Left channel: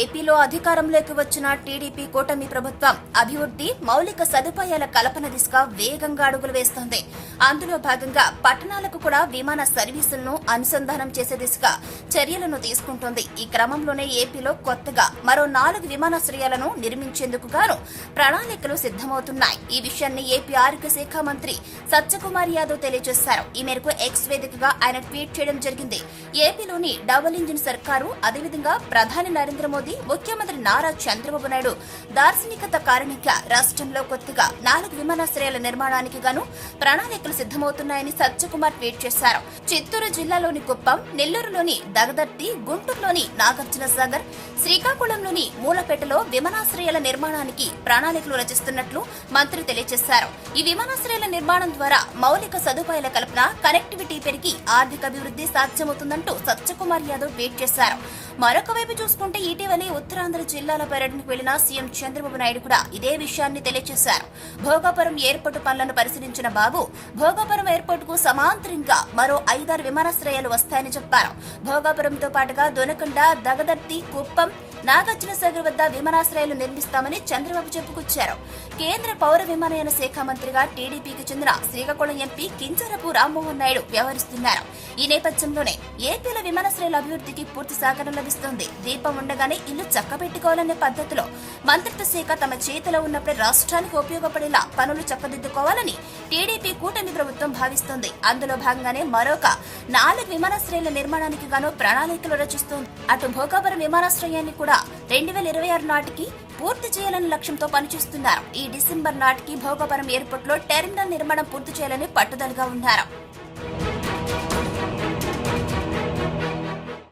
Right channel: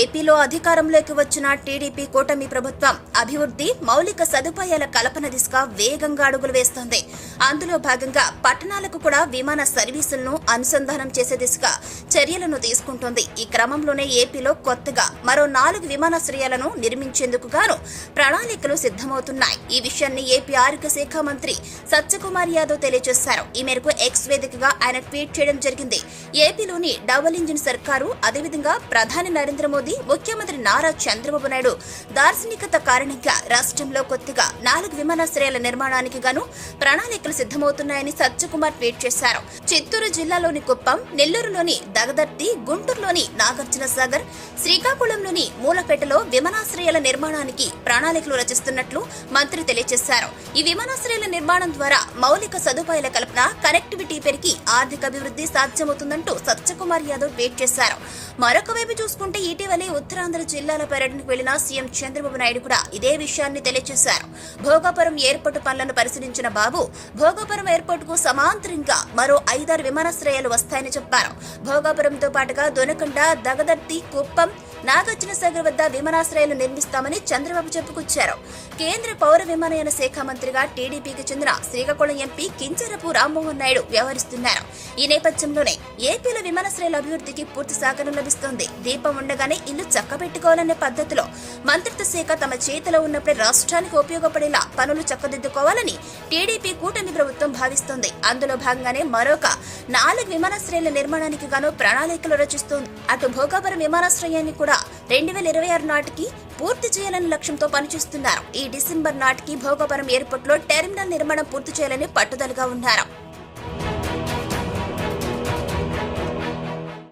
ఏపీలో అధికారంలోకి వచ్చిన టీడీపీ కూటమి ప్రభుత్వం అభివృద్ధి మౌలిక సదుపాయాల కల్పన దిశగా వేగంగా అడుగులు వేస్తోంది. అందులో భాగంగా పట్టణాలకు కూడా విమాన సర్వీసులను అనుసంధానం చేసే దిశగా చర్యలను తీసుకుంటోంది. ఈ క్రమంలోనే ఏపీలో కొత్తగా మరో 4 విమానాశ్రయాలను నిర్మించేందుకు గాను ప్రణాళికలు సిద్దమవుతున్నాయి. ఈ విషయాన్ని ఏపీ ఆరోగ్య శాఖ మంత్రి సత్యకుమార్ యాదవ్ తెలియజేశారు. ఈ మేరకు ఎక్స్ వేదికగా ఆయన ట్వీట్ చేయడం జరిగింది. ఏపీలోని డబుల్ ఇంజిన్ సర్కారు, అదేవిధంగా ప్రధాని నరేంద్ర మోదీ, ముఖ్యమంత్రి నారా చంద్రబాబు నాయుడు దార్శనికత కారణంగా రాష్ట్రంలో కొత్తగా 4 విమానాశ్రయాల నిర్మాణానికి గాను ప్రణాళికలు సిద్దమవుతున్నాయని సత్యకుమార్ ట్వీట్ చేశారు. చిత్తూరు జిల్లాలోని కుప్పం, నెల్లూరులోని దగదర్తి, గుంటూరులోని నాగార్జున సాగర్, శ్రీకాకుళంలోని మూలపేటలో విమానాశ్రయాల నిర్మాణానికి ప్రణాళికలు రచిస్తున్నట్లు మంత్రి తెలియజేశారు. ఈ విమానాశ్రయాల నిర్మాణం ద్వారా మౌలిక సదుపాయాల కల్పన, కనెక్టివిటీ పెరిగి ఆర్థిక అభివృద్ధి సాధ్యమవుతుందంటూ సత్యకుమార్ యాదవ్ ట్వీట్ చేశారు. మరొక వైపు చూసుకుంటే ఇటీవలే ఉత్తరాంధ్ర జిల్లాల పర్యటనకు వెళ్లిన సీఎం చంద్రబాబు నాయుడు కూడా ఇదే విషయాన్ని తెలియజేశారు. భోగాపురం ఎయిర్పోర్టు పనులను పరిశీలించిన బాబు, భోగాపురం ఎయిర్పోర్టుకు సమాంతరంగా మరో 5-6 విమానాశ్రయాలు వస్తాయని చెప్పారు. భోగాపురంతో పాటుగా దొనకొండ, దగదర్తి, కుప్పం, నాగార్జున సాగర్ వద్ద విమానాశ్రయాలు నిర్మిస్తామని చంద్రబాబు చెప్పుకొచ్చారు. కేంద్ర పౌర విమానయాన శాఖ మంత్రిగా టీడీపీకి చెందిన శ్రీకాకుళం ఎంపీ కింజరపు రామ్మోహన్ నాయుడు వ్యవహరిస్తున్నారు. ఈ నేపథ్యంలోనే ఏపీలో విమానాశ్రయాల అభివృద్ధికి పూర్తి సహకారం లభిస్తోంది. దీపం ఉండగానే ఇల్లు చక్కబెట్టుకోవాలనే పద్ధతిలో మంత్రిత్వ శాఖ తమ చేతిలో ఉన్నప్పుడే రాష్ట్రానికి ఉపయోగపడేలా పనులు చక్కదిద్దుకోవాలని టీడీపీ కూటమి ప్రభుత్వం భావిస్తోంది. అందులో భాగంగానే మరొక 4 విమానాశ్రయాల నిర్మాణానికి గాను ప్రణాళికలు రచిస్తోంది. అటు భోగాపురం విమానాశ్రయాన్ని కూడా 2026 నాటికి పూర్తి చేయాలనే లక్ష్యంతో పనిచేస్తున్నారు. ఈ డిసెంబర్ నాటికి భోగాపురం ఎయిర్పోర్టులో టెర్మినల్ నిర్మాణం పూర్తి చేయాలని పట్టుదలగా ఉన్నారు.